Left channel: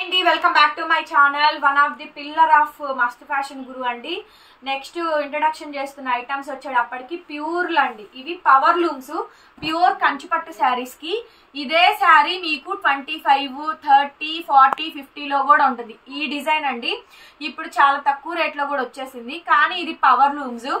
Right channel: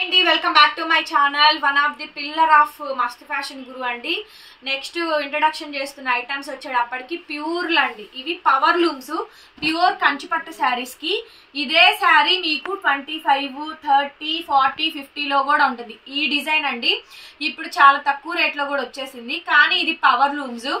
అండి welcome back to my channel. One of the pillar of మస్త్ fashion గురు అండి. Next introduction చేస్తున్న items వచ్చేటప్పటికి ప్యూర్లు అండి. ఇవి పవర్ లూమ్స్, ప్యూర్ కంచిపట్టు శారీస్ కి. ఇదే శారీ మీకు 25, 30, 40, 50లో కూడా ఉంటుంది. ఈ డిజైన్ అండి ఇప్పుడు చాలా తక్కువ రేట్లో కూడా వచ్చేసింది. కానీ ఇది పవర్ లూమ్స్,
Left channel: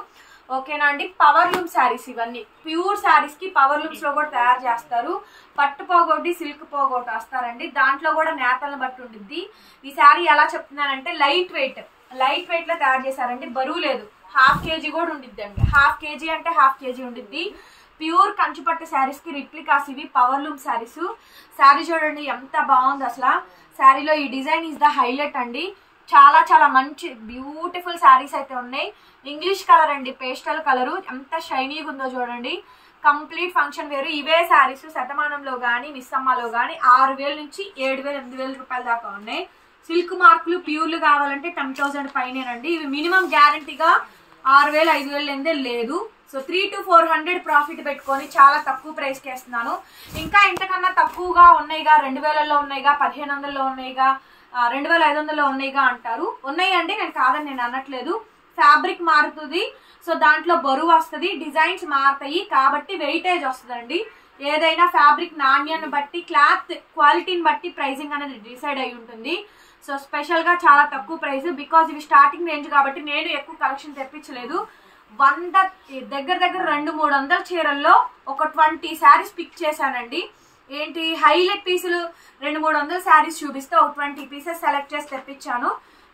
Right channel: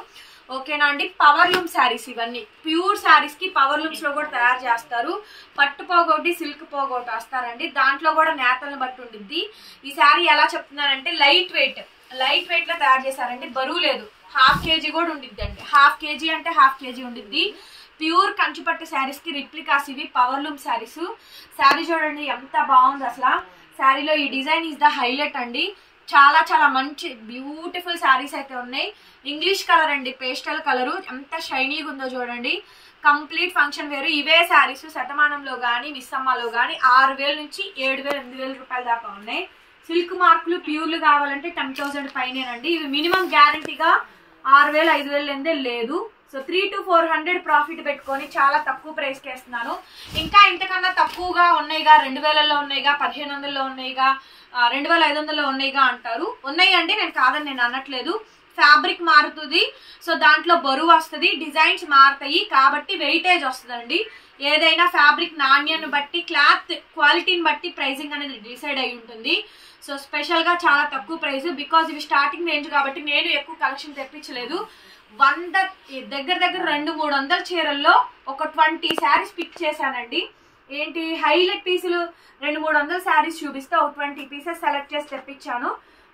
ఓకేనా అండి. పవర్ లూమ్ శారీస్ ఇవన్నీ ప్యూర్ శారీస్ కి పవర్ లూమ్స్ లో కూడా తయారు చేస్తారు. పట్టు పోగొట్టి సిల్క్ పోగొట్టి వస్తారండి. దాంట్లో కూడా నేతలను బట్టి ఉంటుంది. ఈ శారీ ఎలా చెప్తున్నానంటే లైట్ వెయిట్ లో తయారు చేశారండి. బరువు లేదు, ½ kg కూడా ఉండిద్ది అండి. ½ kg అంటే ½ kg ఉండిద్ది. ప్యూర్ కంచిపట్టు శారీస్ కి రిప్లికాస్ ఇవి పవర్ లూమ్ శారీస్. శారీ చూడండి ఎంత బాగుంది అసలు. శారీలో ఈ డిజైన్ ఈజ్ ద హైలైట్ అండి. చాలా చాలా మంచి బ్యూటిఫుల్ శారీస్ అయితే ఉన్నాయి. ఇంగ్లీష్ కలర్ అండి, పేస్టల్ కలరు. ఎంత షైనీగా ఉందో చూడండి. కంప్లీట్ ఫంక్షన్ వేరు. ఇవే శారీస్ శతమానంలో కానీ మిస్సమ్మలో కానీ 6000 నుంచి 7000, 8000 రూపాయల దాకా ఉన్నాయి. సిల్క్ మార్కులు ప్యూర్లు కావాలంటే 10,000 పైనేనండి. ఇవి మినిమం గ్యారంటీగా 6000, 5000 లేదు. సో 300 to 400 ప్రాఫిట్ పెట్టుకొని చాలా తక్కువ ప్రైస్కి వేస్తున్నాను. ఇంకా ఇంతకన్నా తక్కువగా ఉన్నాయిగా, 2000లో ఉన్నాయిగా, 1500లో ఉన్నాయిగా, 2500లో ఉన్నాయిగా అంటారు. ఉన్నాయి అంటే నేను కాదని నేను అనట్లేదు. ఫ్యాబ్రిక్ మారుతుంది, సో దాంట్లో బరువు వస్తుంది, డిజైన్స్ మారుతాయి కాబట్టి వెయిటేజ్ వస్తుందండి. ఏదైనా ఫ్యాబ్రిక్ నాణ్యాన్ని బట్టి, క్లాత్ క్వాలిటీని బట్టి ప్రైసింగ్ అనేది డిసైడ్ అయి ఉంటుంది. సో స్పెషల్గా చాలా తక్కువ ప్రైస్, బికాజ్ ఇవి స్టార్టింగ్ రేంజ్ కాబట్టి నేను ఎక్కువ కలెక్షన్ తెప్పించలేదు. 100 దగ్గర 200-300 చీరల్లో ఒక 20 శారీస్ పిక్ చేశానండి. ఏంటి హైలైట్ పీసులు 200-300 శారీస్ చూపిస్తే ఒక 20 పీసెస్ సెలెక్ట్ చేసి తెప్పించాను.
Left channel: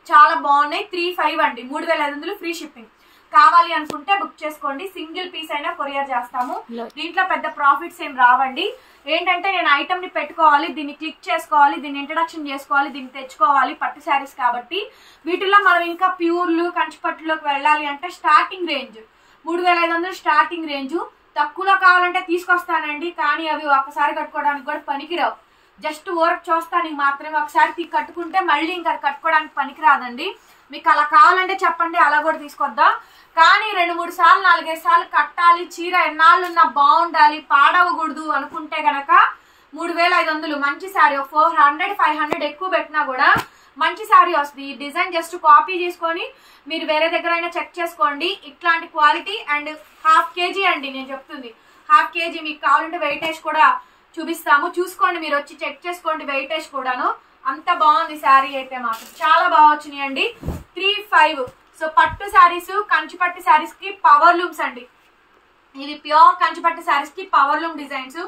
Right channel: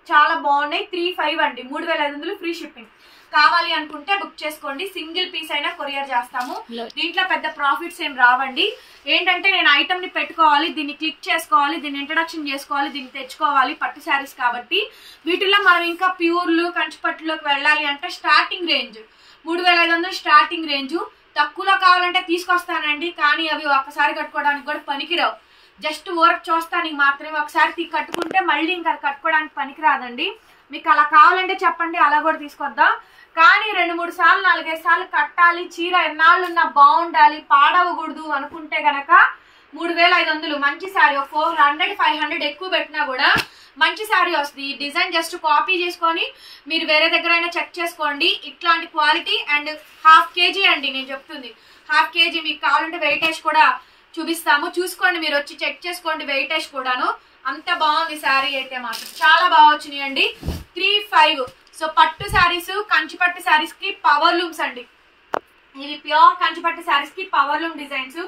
చాలా బాగున్నాయి. 3500 అండి, 3500 ఫ్రీ షిప్పింగ్. కావాలి అనుకుంటే బుక్ చేసుకోండి. సింగిల్ పీస్ అయినా కొరియర్ చేస్తాము. దీంట్లో పెద్ద ప్రాఫిట్స్ ఏం రావండి. ఏంటంటే నేను ఐటమ్ ని పెట్టుకోవాలి, దీన్ని క్లిక్ చేసుకోవాలి, దీన్ని ఇంట్రడక్షన్ చేసుకోవాలి, దీన్ని తెచ్చుకోవాలి. పట్టు శారీస్ కాబట్టి వీటిలో మనం ఇంకా ప్యూర్లు కంచిపట్టులోకి వెళ్ళాలి అంటే స్టార్టింగ్ రేంజ్ 3500 స్టార్టింగ్ రేంజ్. తక్కువలో కావాలంటే తీసుకొస్తానండి, కానీ అవి ఒకసారి కట్టుకోవడానికి కూడా పనికిరావు. జస్ట్ వర్క్ చూస్తానికి మాత్రమే. ఒకసారి కట్టుకుంటే మళ్ళీ ఇంకా కట్టుకోవడానికి పనికిరాదండి. మీకు అలా కావాలంటే చెప్పండి, అలా కూడా తీసుకొద్దాం. కానీ 2-3 సార్లు 4-5 సార్లు కట్టాలి, చీర ఎన్నాళ్ళున్నా బాగుండాలి, పాడవకూడదు అనుకుంటే గనక 3500 మంచి శారీ. 400-500 ఎక్కువ పెట్టినా కూడా మంచి శారీ వస్తుంది. ఈ డిజైన్ జస్ట్ కాపీ చేసుకొని మీరు వేరే దగ్గర అయినా చెక్ చేసుకోండి. ఇట్లాంటి క్వాలిటీ అండ్ ½ kg అండి నేను చెప్తుంది. ½ kg. మీకు కావాలంటే వెయిటేజ్ కూడా చూపిస్తాము, చూసుకోండి. మీరు వచ్చి చెక్ చేసుకోండి వెయిటేజ్ కూడాను. అంత బాగుంది శారీ అయితే మాత్రం చాలా బాగా వచ్చినాయి అండి. 3500. సో పట్టు శారీస్, కంచిపట్టు శారీస్ కి పవర్ లూమ్స్ అండి. ఇది ప్యూర్ కంచిపట్టు శారీస్ కి పవర్ లూమ్ డిజైన్స్.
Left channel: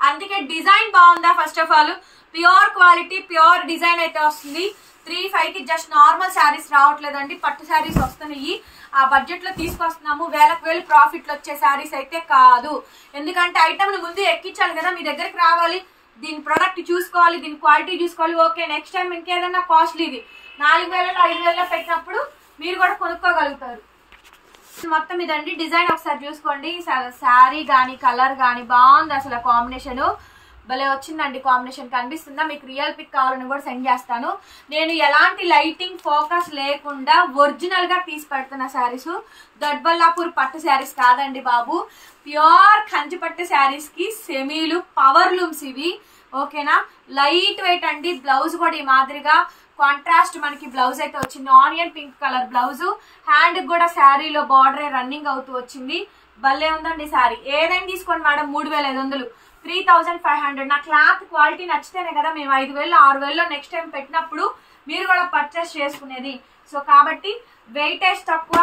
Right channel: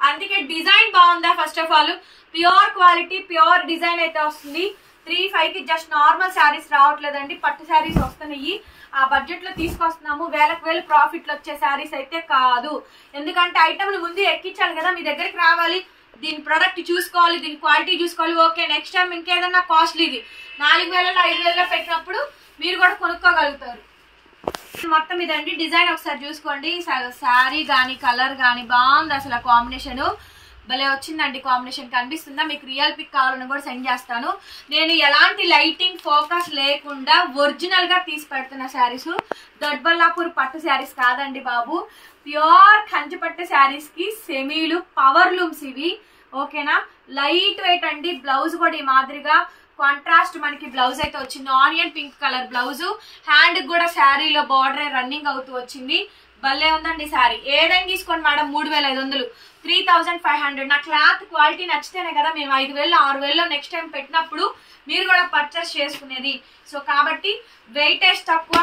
అందుకే డిజైన్ బాగుందా, first of all pure quality pure design అయితే వస్తుంది. 3500 కి జస్ట్ నార్మల్ శారీస్ రావట్లేదండి, పట్టు శారీస్ వస్తున్నాయి. ఆ బడ్జెట్ లో తీసుకొస్తున్నాము. వేలకు ప్రాఫిట్లు వచ్చే శారీస్ అయితే కాదు. ఎందుకంటే ఐటమ్ ముందు ఎక్కించాలి కదా, మీ దగ్గరికి రావాలి, దీని ప్రొడక్ట్ చూసుకోవాలి, దీని క్వాలిటీ చూసుకోవాలి. ఓకే, నెక్స్ట్ టైం ఇంకేదన్నా కాస్ట్లీది 4000, 5000 పెట్టినప్పుడు మీరు కూడా కొనుక్కోగలుగుతారు. మొత్తం ఇదండి డిజైన్. ఒకసారి చూసుకోండి. శారీ కానీ కలర్ కానీ బాగుంది అసలు. కాంబినేషన్ భలే వచ్చిందండి. కాంబినేషన్ కనిపిస్తుందా మీకు? రియల్ పిక్ కావాలని కూడా సెండ్ చేస్తాను. నేను ఎలాంటి లైటింగ్ ఫోకస్ లేకుండా ఒరిజినల్ గా తీసి పెడుతున్న శారీస్. దొడ్బల్లాపూర్ పట్టు శారీస్ కాదండి బాబు, ప్యూర్ కంచిపట్టు శారీస్ కి సెమీలు పవర్ లూమ్స్ ఇవి, ఓకేనా. లైట్ వెయిట్ అండి. బ్లౌజ్ కూడా ఈ మాదిరిగా కాంట్రాస్ట్ మనకి బ్లౌజ్ అయితే వచ్చింది. Onion pink colour blouse. Hand కూడా శారీలో బార్డర్ రన్నింగ్ అవుతూ వచ్చింది. భలే ఉందండి శారీ. ఏదైనా తీసుకోండి మేడం. 3500, 3500. నా క్లాత్ క్వాలిటీ నచ్చితేనే కదా మేము 5000, 6000లో నెక్స్ట్ టైం పెట్టినప్పుడు మీరు కూడా పర్చేస్ చేసుకునేది. సో కాబట్టి వెయిటేజ్ తక్కువ,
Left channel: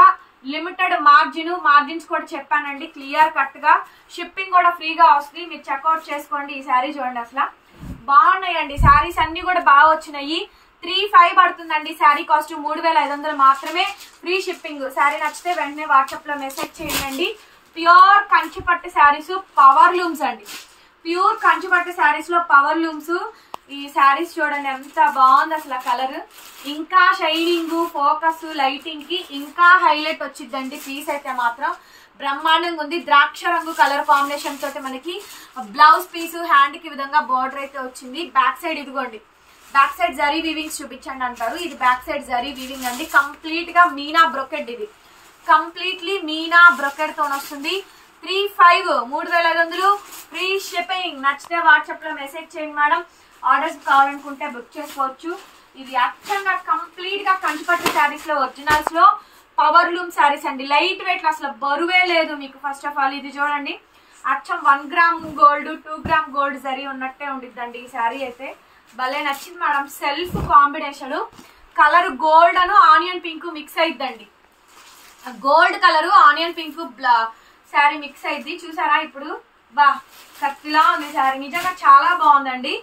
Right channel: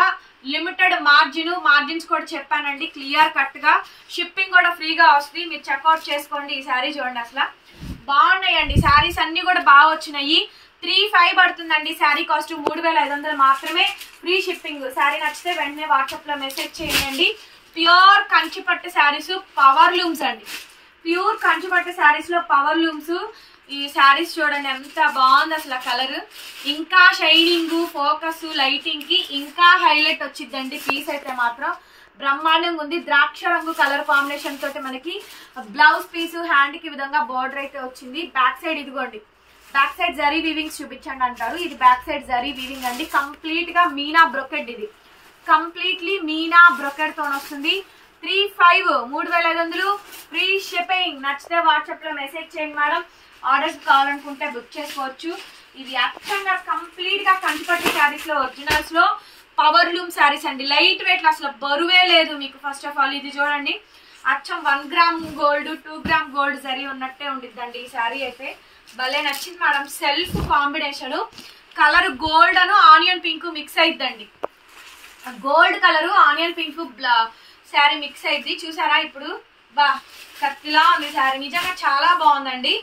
లిమిటెడ్ మార్జిన్స్ కూడా చెప్పానండి క్లియర్ కట్ గా. షిప్పింగ్ కూడా ఫ్రీగా వస్తుంది. మీరు చెక్అవుట్ చేసుకోండి. ఈ శారీ చూడండి అసలు బాగున్నాయండి. శారీస్ అన్ని కూడా బాగా వచ్చినాయి. 3500 పడుతుందండి శారీ కాస్ట్. 3500 మాత్రమే, ఫ్రీ షిప్పింగ్. శారీ నచ్చితే వెంటనే వాట్సాప్ లో మెసేజ్ చేయండి. ప్యూర్ కంచిపట్టు శారీస్ పవర్ లూమ్స్ అండి. ప్యూర్ కంచిపట్టు శారీస్ లో పవర్ లూమ్స్. ఈ శారీస్ చూడండి ఎంత బాగుంది అసలు. కలర్ ఇంకా షైనింగ్, ఫోకస్, లైటింగ్ కి ఇంకా హైలైట్ వచ్చిందండి. పీస్ అయితే మాత్రం బ్రహ్మాండంగా ఉంది. ద్రాక్ష రంగు కలర్ కాంబినేషన్ తోటి మనకి బ్లౌజ్ పీస్, హ్యాండ్ కి విధంగా బోర్డర్ అయితే వచ్చింది. బ్యాక్ సైడ్ ఇదిగోండి, బ్యాక్ సైడ్ జరీ వీవింగ్స్ చూపించండి అంటారు. ఇది బ్యాక్ సైడ్ జరీ వీవింగ్ అండి. కంప్లీట్ గా మీనా బ్రొకెట్. ఇది కంప్లీట్లీ మీనా బ్రొకెట్ తో వస్తుంది. 3500 ఫ్రీ షిప్పింగ్. నచ్చితే వాట్సాప్ లో మెసేజ్ చేయండి మేడం. ఆర్డర్స్ కావాలనుకుంటే బుక్ చేసుకోవచ్చు. ఇది అచ్చంగా కంప్లీట్ గా కంచిపట్టు శారీస్ లో ఒరిజినల్స్ లో పవర్ లూమ్ శారీస్ అండి. లైట్ వెయిట్, అసలు బరువే లేదు మీకు. ఫస్ట్ ఆఫ్ ఆల్ ఇది చూడండి, అచ్చం 1 గ్రామ్ గోల్డ్ 2 గ్రామ్ గోల్డ్ జరీ ఉన్నట్టే ఉండిద్దండి ఈ శారీ అయితే. భలే నచ్చింది madam. Self combination, colour gold అను ఆనియన్ పింక్ మిక్స్ అయిద్దండి. Gold colour onion pink sari mix అయింది చూసారా. ఇప్పుడు బా కత్తిలా ఉంది శారీ, నిజంగా చాలా బాగుందండి.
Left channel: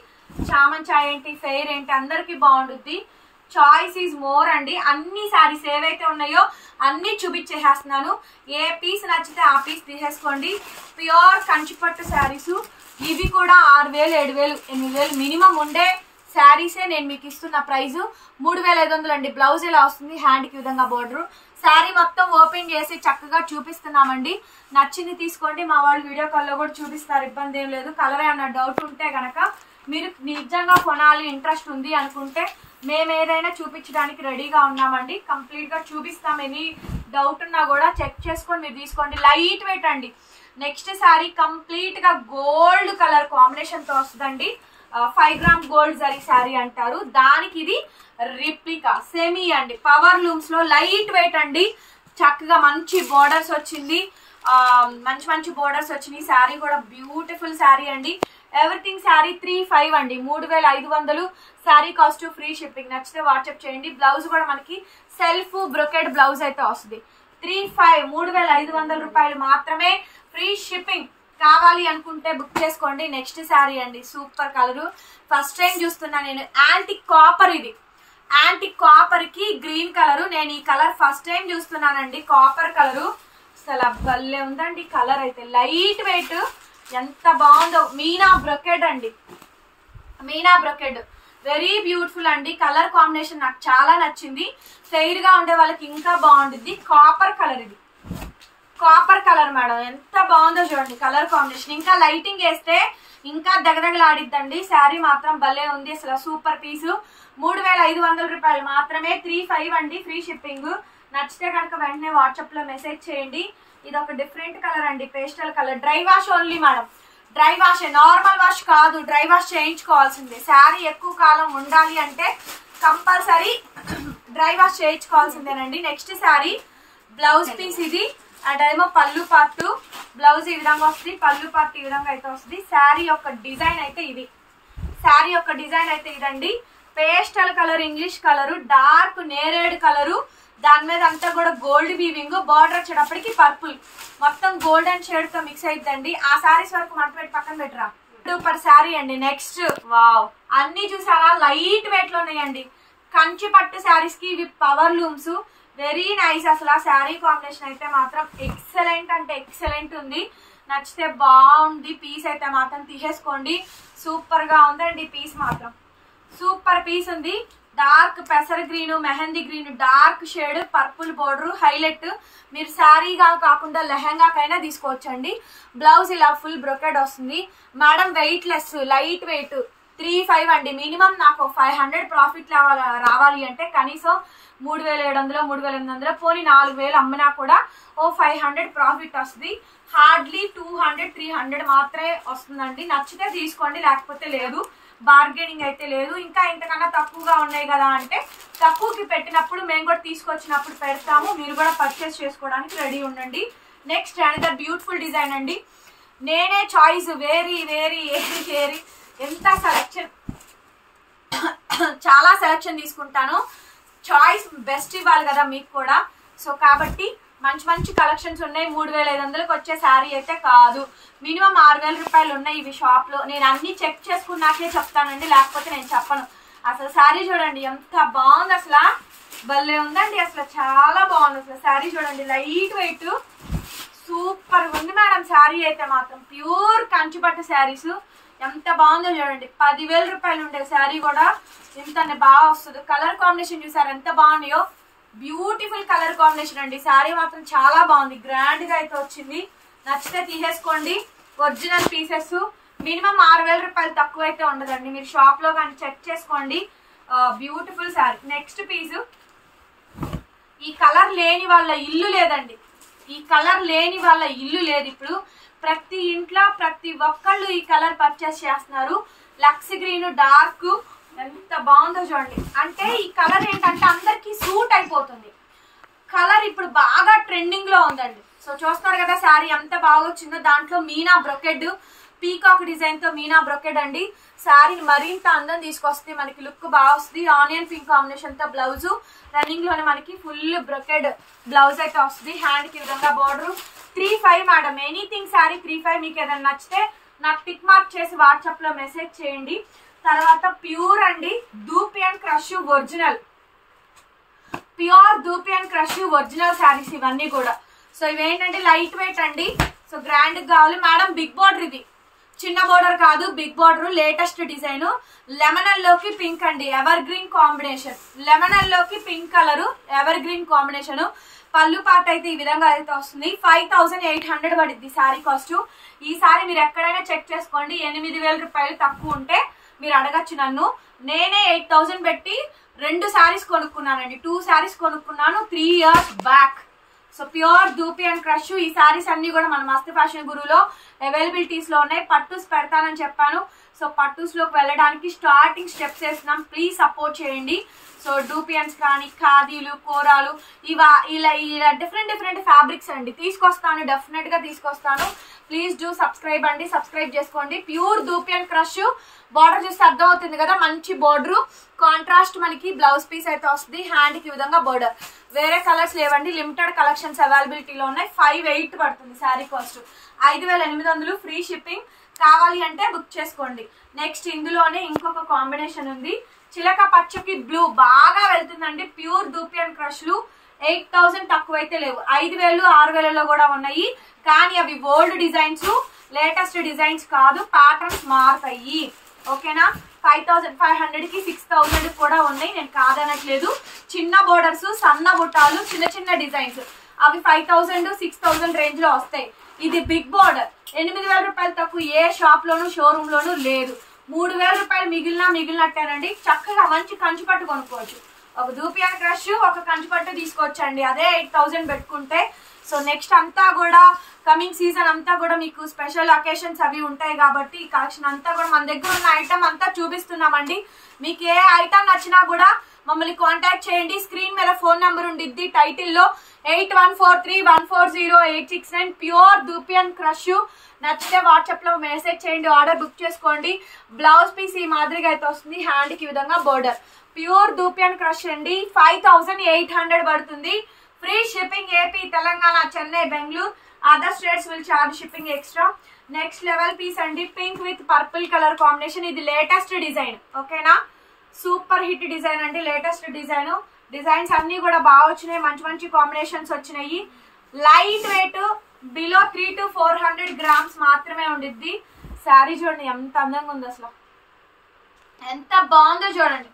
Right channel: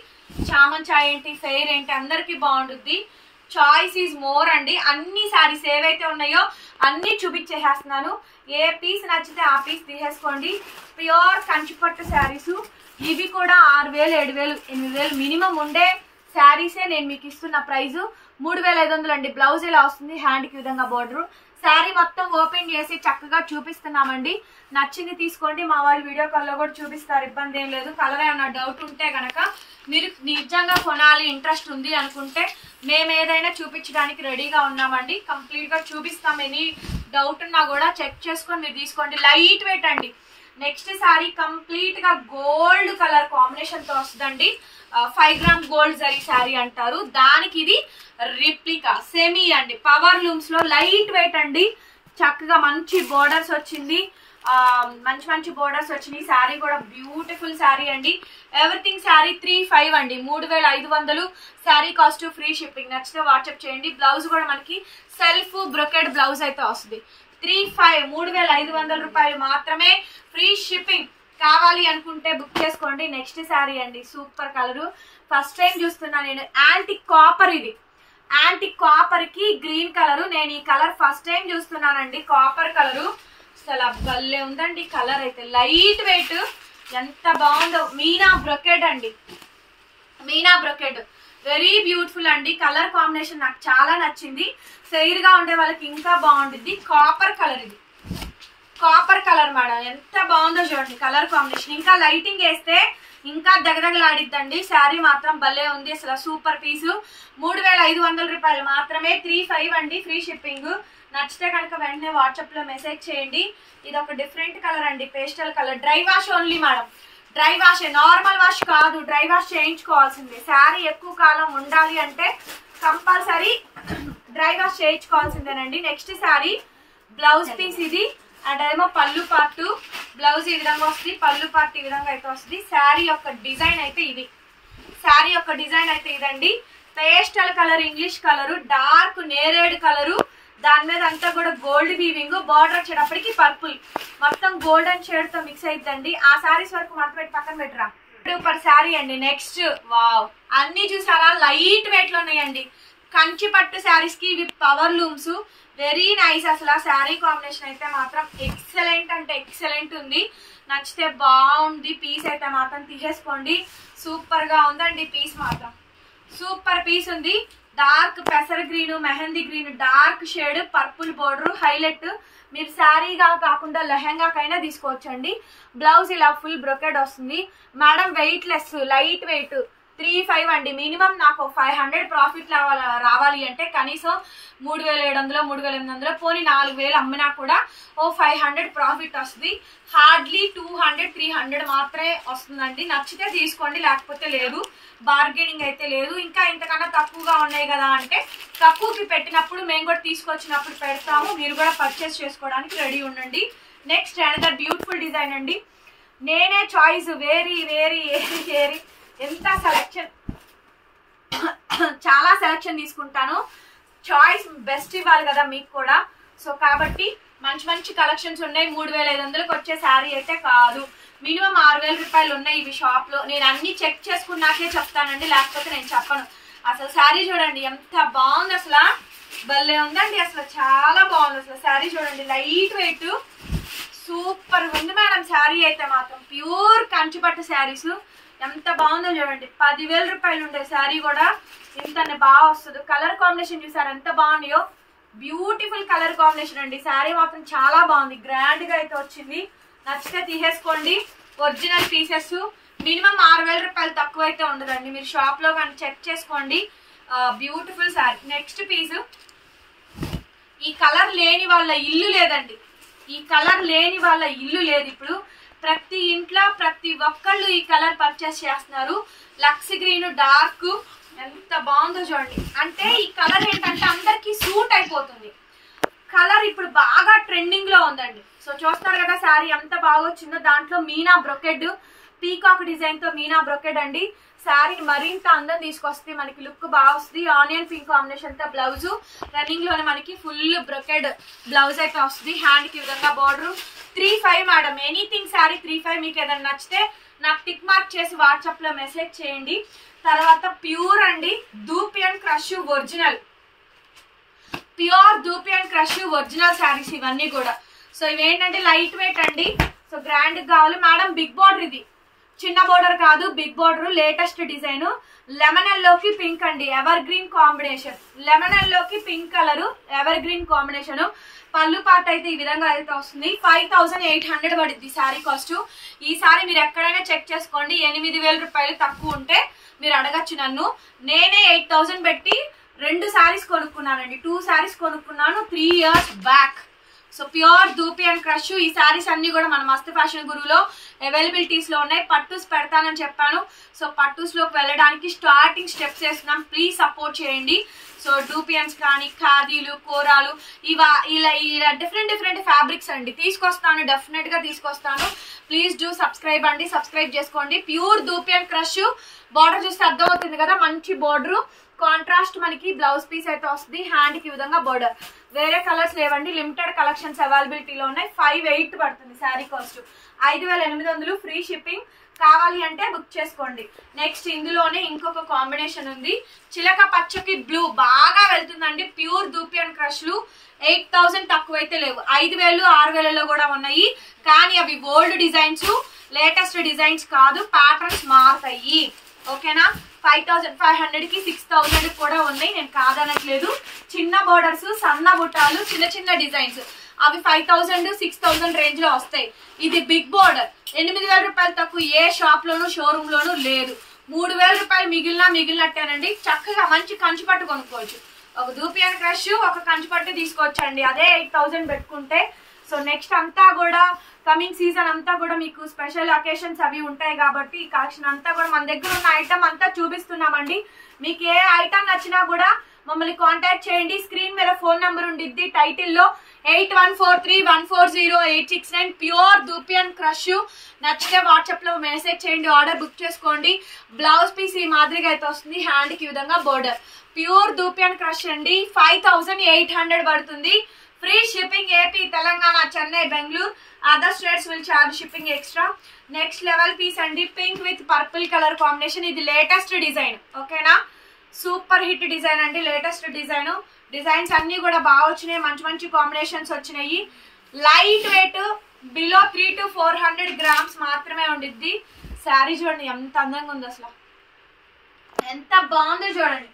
చామన్ చాయ్ ఏంటి, ఫెయిర్ ఏంటి, అందరికి బాగుంటుంది. చాయిస్ ఈజ్ మోర్ అండి. అన్ని శారీస్ ఏవైతే ఉన్నాయో అన్ని చూపించేసేస్తున్నాను. ఏ పీస్ నచ్చితే ఆ పీస్ తీసేసుకోండి. ప్యూర్ కంచిపట్టు శారీస్ ఇవి కూడా 6000, 7000, 8000 మినిమం ఉండే శారీసే నేను మీకు ఇస్తున్న ప్రైస్ 3500 అండి. బ్లౌజ్ ఇలా వస్తుంది, హ్యాండ్కి విధంగా బోర్డర్. శారీ మొత్తం ఓపెన్ చేసి చక్కగా చూపిస్తున్నామండి. నచ్చింది తీసుకోండి. మా వాళ్ళు వీడియో కాల్లో కూడా చూపిస్తారు, ఇబ్బంది ఏం లేదు. కలర్ ఏమన్నా డౌట్ ఉంటే కనుక మీరు నిజంగా కొనాలి ఇంట్రెస్ట్ ఉంది అనుకుంటే మేము ఏదైనా చూపించడానికి రెడీగా ఉన్నామండి. కంప్లీట్గా చూపిస్తాం. ఎనీ డౌట్ ఉన్నా కూడా చెక్ చేసుకొని మీరు తీసుకోండి. లైట్ వెయిట్ అండి. నెక్స్ట్ శారీ కంప్లీట్గా గోల్డ్ కలర్ కాంబినేషన్తో వస్తుందండి. 5 గ్రామ్ గోల్డ్ జరీ శారీ అంటారు దానికి. ఇది రిప్లికా సెమీ అండి. పవర్ లూమ్స్ లో లైట్ వెయిట్ అండి. చక్కగా మంచి బోర్డర్స్ వచ్చింది, మంచి బోర్డర్స్ వచ్చినాయి. శారీ కూడా బ్యూటిఫుల్ శారీ అండి. ఎవ్రీథింగ్ శారీ 3500 అండి. 3500 శారీ కాస్ట్, ఫ్రీ షిప్పింగ్. నచ్చితే వాట్సాప్ చేయండి. బ్లౌజ్ కూడా మనకి సెల్ఫ్ బ్రొకెడ్ బ్లౌజ్ అయితే వస్తుంది. 3500 రూపాయలు మాత్రమే, ఫ్రీ షిప్పింగ్. కావాలి అనుకుంటే బుక్ చేసుకోండి. నెక్స్ట్ శారీ అండి, సూపర్ కలరు. ఫస్ట్ టైం చూస్తున్నా నేను. యాంటిక్ కాపర్, ఇది యాంటిక్ కాపర్ కి గ్రీన్ కలరు. నేను ఈ కలర్ ఫస్ట్ టైం చూస్తున్నానండి, కాపర్ కలరు. అసలు భలే ఉందండి కలర్ అయితే. లైట్ వెయిట్, ఎంత బాగుందో. మీనా బ్రొకెడ్ అండి, మీనా బ్రొకెడ్ వెరీ బ్యూటిఫుల్ అండి. కలర్ కాంబినేషన్ నాకు చాలా నచ్చింది. ఫెయిర్ గా ఉండే వాళ్ళకి ఇంకా బాగుంటుంది. కాపర్ కలర్, ఇది కాపర్ కలర్ మేడం. ఎంత బాగుందో చూడండి కలర్ కాంబినేషన్. ఇంకా లైటింగ్ వేస్తే ఇంకా దగదగలాడిద్దండి. శారీ మాత్రం భలే ఉంది అసలు. సూపర్ పీసు. 3500 రూపాయలు మాత్రమే, 3500 అండి, ఫ్రీ షిప్పింగ్. నచ్చితే కనుక వెంటనే వాట్సాప్ లో మెసేజ్ చేయండి. ఇది ఒక డిఫరెంట్ కలర్ అండి, pastel colour. Dry wash only madam, dry wash, normal wash కాదు, డ్రై వాష్ చేయించుకోవాల్సిందే. శారీ ఎక్కువ కాలం ఉండాలి అంటే కంపల్సరీ డ్రై వాష్ చేయించుకోవాల్సిందేనండి. నెక్స్ట్ శారీ బ్లౌజ్ పీస్ ఇది. అదేమో పళ్ళు పార్ట్. బ్లౌజ్ ఈ విధంగా వస్తుంది, పళ్ళు పార్ట్ ఈ విధంగా అయితే వస్తుంది. శారీ యొక్క డిజైన్ అయితే ఇది. శారీ యొక్క డిజైన్ అయితే ఇదండి. Pastel colour, English colour, dark నేరేడ్ కలరు. దాని మీద అంతా కూడా గోల్డ్ వీవింగ్. బార్డర్ వచ్చేటప్పటికి పర్పుల్, మొత్తం గోల్డెన్ షేడ్ తో మిక్స్ అయిద్దండి. ఆ శారీస్ వరకు మనం పెట్టి పక్కన పెట్టరా. సూపర్ శారీ అండి. నెక్స్ట్ వావ్, అన్ని చూసారా లైట్ వెయిట్ లో ఉన్నాయండి. కంచి పట్టు శారీస్ కి ఇవి పవర్ లూమ్స్. వెరీ నైస్ అసలు. ఆ శారీ కాంబినేషన్ అయితే మాత్రం ఎక్సలెంట్ అంటే ఎక్సలెంట్ ఉంది. నచ్చితే బాగుంది. పీస్ అయితే మాత్రం తీసేసుకోండి. సూపర్ గా ఉందండి పీస్ మాత్రం. సూపర్ పీస్ ఉంది. డార్క్ పెసర్ green, mehndi green, dark shade, purple border highlight. మీరు శారీగా కాకుండా లెహంగాకైనా తీసుకోవచ్చండి. బ్లౌజ్ ఇలా ఫుల్ బ్రొకెడ్ వస్తుంది madam. Weight less, light weight. 3500 అండి. మినిమం నాకు 500 ప్రాఫిట్ రావాలి అంటే కనీసం 3700, 3800, పోనీ 4000 అమ్మినా కూడా 500 ప్రాఫిట్ వస్తుంది. హార్డ్లీ 200, 300 మాత్రమే వస్తుందండి. నచ్చితే తీసుకోండి, లేకపోతే లేదు. బార్గెనింగ్ అయితే లేదు. ఇంకా ఇంతకన్నా తక్కువగా ఉన్నాయి కదా అంటే తక్కువకి పెట్టినప్పుడు మేము కూడా తీసుకొచ్చినప్పుడు పెడతాము. మీరు కూడా పర్చేస్ చేసుకోవడానికి రెడీ ఉండండి. నెక్స్ట్ అనదర్ బ్యూటిఫుల్ డిజైన్ అండి. నేనే choice very very very very ఎంత సెలెక్షన్, చాలా సెలెక్షన్ తీసుకుంటాను. చాయిస్ బెస్ట్ ఇవ్వాలి కదా మీకు కూడా. సో కాబట్టి మంచి కలెక్షన్స్ ఉన్నాయి. 3500కి వచ్చే శారీ అయితే కాదు. మినిమం 6000 రూపాయలు ఉన్నాయి ఇవి షాప్ లో. నేను అన్ని చెక్ చేసుకున్నాకే చెప్తానండి, లేకపోతే నేను చెప్పను. అసలు శారీ చూడండి ఎంత బాగుంది అసలు. భలే ఉందండి అసలు, చాలా బాగుంది అసలు. శారీ చూడండి లైట్ వెయిట్, సూపర్ ఉంది మేడం. శారీ అయితే మాత్రం ప్యూర్ కంచిపట్టు శారీస్. ఎంత బాగుందో చూడండి. 10,000 రూపాయలు ఉండే శారీ కూడా ఇంత బాగా వస్తుంది. కలర్ కాంబినేషన్ చూసారు ఎంత బాగున్నాయో. బ్యూటిఫుల్ కలర్ కాంబినేషన్ అండి. శారీ మాత్రం చాలా బాగుంది, గ్రాండ్ గా అయితే వచ్చింది. నచ్చితే తీసేసుకోండి. Original pieces. మినిమం 6000 రూపాయలు తక్కువ అయితే ఉండదండి. మీరు షాప్ లో కానీ చెక్ చేసుకోండి. బ్యూటిఫుల్ శారీ. Next piece. ఈ కలర్ లేని వాళ్ళ ఇల్లు లేదండి. ఈ కలర్ లేని వాళ్ళ ఇల్లు లేదు. ఇప్పుడు ప్రతి ఇంట్లో ప్రతి ఒక్కళ్ళు ఈ కలర్ పర్చేస్ చేస్తున్నారు. లక్స్ గ్రీన్ డార్క్ ఎంత బాగుందో చూడండి. అంటే ఈ కలర్ ఏంటంటే అందరికి సూట్ అయిపోతుంది. కలర్ ఇప్పుడు బాగా ట్రెండింగ్ లో ఉందండి. సో చూస్తారు కదా శారీ ఎంత బాగా వచ్చిందో. దాంట్లో మీనా బ్రొకెడ్, పీకాక్ డిజైన్ తో మీనా బ్రొకెడ్ అండి. శారీ మరింత అందం తీసుకొస్తుంది, మనకి లుక్ బాగా వస్తుంది. ఆనియన్ పింక్ కాంబినేషన్ తో బ్లౌజ్, రన్నింగ్ లోనే మనకి ఫుల్ బ్రొకెడ్ బ్లౌజ్ అయితే వస్తుంది. హ్యాండ్ కి విధంగా బార్డర్. 3,500 మేడం. ఎనీథింగ్ శారీ 3,500. మీకు ఏదైనా నచ్చితే నాకు టిక్ మార్క్ చేసి వాట్సాప్ లో మెసేజ్ చేయండి. తర్వాత ప్యూర్ అండి, ధూపి అండ్ క్రష్ ఒరిజినల్, ప్యూర్ ధూపి అండ్ క్రష్ ఒరిజినల్ శారీస్ ఇవన్నీ కూడా. సో ఇవేంటంటే లైట్ వెయిట్ అండి. సో గ్రాండ్ కావాలి మేడం. బిగ్ బార్డర్, ఇది చిన్న బోర్డర్ కాదు, big border. Latest design. Lemon లోకి పింక్ అండి, ఎవర్ గ్రీన్ కాంబినేషన్. లెమన్ లోకి pink colour, evergreen combination. పళ్ళు పార్ట్ అయితే ఈ విధంగా అయితే వస్తుంది. 5,800 పడుద్ది శారీ కాస్ట్. ఈ సారీ మీరు ఎక్కడైనా చెక్ చేసుకోండి. 8,000 రూపాయలు తక్కువ ఉంటే మీరు అడగచ్చు నన్ను. నేనే 8,000 పెట్టి 2 శారీస్ కొనుక్కున్నానండి. 2 శారీస్ కొనుక్కున్నాను 3 years బ్యాక్. సో ప్యూర్ ధూపి అండ్ క్రష్. ఈ శారీస్ అన్ని కూడా మన మస్త్ ఫ్యాషన్ గురువులో అవైలబిలిటీస్ లో ఉన్నాయి. పట్టుస్ పెడతానని చెప్పాను. సో పట్టుస్ లోకి వెళ్ళడానికి స్టార్టింగ్ స్టెప్స్ వేస్తున్నాం. ప్లీజ్ సపోర్ట్ చేయండి. సో డూపియన్స్ కానీ, ఖాదీలు, కోరాలు, ఇలా డిఫరెంట్ ఫ్యాబ్రిక్స్ అండి తీసుకొస్తాను. డెఫినెట్ గా తీసుకొస్తాను. ప్లీజ్ డూ సబ్స్క్రైబ్ అండి, సబ్స్క్రైబ్ చేసుకోండి. ప్యూర్ ధూపి అండ్ క్రష్. బార్డర్ చూస్తే అర్థం అవుతుంది కదా, మంచి బార్డర్. కాంట్రాస్ట్ మనకి బ్లౌజ్ పీస్ అయితే వస్తుంది. హ్యాండ్ కి విధంగా బార్డర్. వేరే కలర్స్ లేవండి, లిమిటెడ్ కలెక్షన్స్ అవైలబిలిటీలో ఉన్నాయి. 5,800 పడుతుంది శారీ కాస్ట్. 5,800 free shipping. కావాలి అంటే బుక్ చేసుకోండి. నెక్స్ట్ ఇందులోనే ఇంకొక కాంబినేషన్ ఉంది. చిలక పచ్చకి బ్లూ బాగా వెళ్తుందండి. ప్యూర్ ధూపి అండ్ క్రష్లు 8,000 తక్కువైతే లేవు. 5,000, 6,000లో కూడా ఉన్నాయి. కానీ అవి ఓల్డ్ డిజైన్స్, లేటెస్ట్ డిజైన్స్ కాదు. ప్యాటర్న్స్ మారుతాయి. ఓకేనా. 5,500కి 6,000 కూడా ఉన్నాయి. నేను కాదనట్లేదు. చిన్న బోర్డర్స్, సన్న బుట్టాలు, చిన్న డిజైన్స్ అవి 5,000, 6,000 రేంజ్ లో వస్తాయి. ఇది బిగ్ బోర్డర్. 8,000 రూపాయలు తక్కువ ఏ షాప్ లోను, షోరూమ్ లోను లేదు. 3,000 రూపాయలు మిగిలినట్టేనండి. చక్కగా మంచి కంచి పట్టు కొనుక్కోవచ్చు. ఒక ధూపి అండ్ క్రష్, ఒక కంచి పట్టు తీసుకోవచ్చండి. అదే 8,000 పెట్టుకుంటే. సో నెక్స్ట్ అంతా కూడా కమింగ్ సీజన్ అంతా కూడా మీకు స్పెషల్ అకేషన్స్ అవి ఉంటాయి కాబట్టి ఈ కలెక్షన్ అంతా కూడా మన దగ్గర ఉన్న ఐటమ్ అంతా చూపిస్తున్నామండి. మీకు ఏ ఐటమ్ నచ్చినా కూడా మమ్మల్ని కాంటాక్ట్ చేయండి. స్క్రీన్ మీద ఫోన్ నెంబర్ ఉండిద్ది టైటిల్లో. 8143140869. ప్యూర్ ధూపి అండ్ క్రష్. నచ్చితే వాట్సాప్ లో మెసేజ్ చేయండి, ఆర్డర్ బుక్ చేసుకోండి. బ్లౌజ్ పీస్ ఈ మాదిరిగా అయితే వస్తుంది. హ్యాండ్ కి విధంగా బోర్డర్. ప్యూర్ ధూపి అండ్ క్రష్ అండి. 5,800 పడుతుంది. Free shipping. AP, Telangana, Chennai, Bengaluru. Other states will charge shipping extra. Next level piece అండి. Pink with purple colour combination. ఇది లేటెస్ట్ డిజైన్. ఓకేనా. సూపర్ హిట్ డిజైన్ అండి. Latest design. డిజైన్స్ అన్ని కూడా బాగా వచ్చినాయి. మంచి కాంబినేషన్స్ వచ్చినాయి. Light weight, below 300 to 400 grams మాత్రమే ఉండిద్ది. శారీ చూడండి ఎంత అందంగా ఉంది, అసలు ఎంత బాగుందో చూడండి.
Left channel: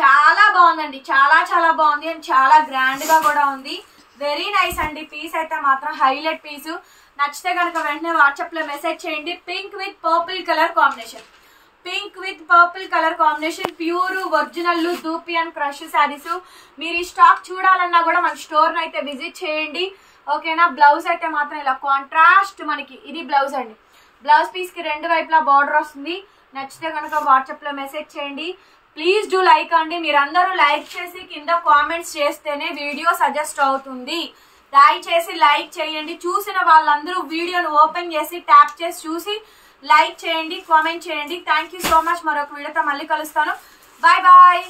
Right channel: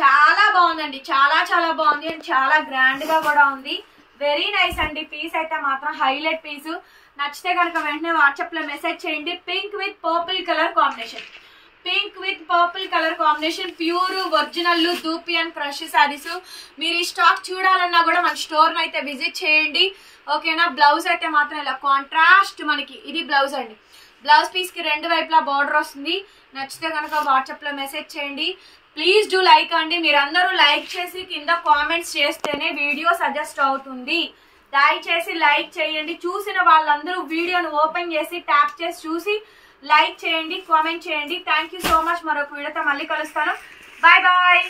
చాలా బాగుందండి. చాలా బాగుంది. అండ్ చాలా గ్రాండ్ గా కూడా ఉంది. వెరీ నైస్ అండి. పీస్ అయితే మాత్రం హైలైట్ పీస్. నచ్చితే కనుక వెంటనే వాట్సాప్ లో మెసేజ్ చేయండి. Pink with purple colour combination. Pink with purple colour combination. Pure original ధూపి అండ్ క్రష్ శారీస్. మీరు ఈ స్టాక్ చూడాలన్నా కూడా మన స్టోర్ అయితే విజిట్ చేయండి. ఓకేనా. బ్లౌజ్ అయితే మాత్రం ఇలా కాంట్రాస్ట్ మనకి ఇది బ్లౌజ్ అండి. బ్లౌజ్ పీస్ కి 2 వైపులా బార్డర్ వస్తుంది. నచ్చితే కనుక వాట్సాప్ లో మెసేజ్ చేయండి. ప్లీజ్ డూ లైక్ అండి. మీరందరూ లైక్ చేసి కింద కామెంట్స్ చేస్తేనే వీడియో సజెస్ట్ అవుతుంది. దయచేసి లైక్ చేయండి. చూసిన వాళ్ళందరూ వీడియోను ఓపెన్ చేసి ట్యాప్ చేసి చూసి లైక్ చేయండి, కామెంట్ చేయండి. Thank you so much. మరొక వీడియోతో మళ్ళీ కలుస్తాను. Bye bye.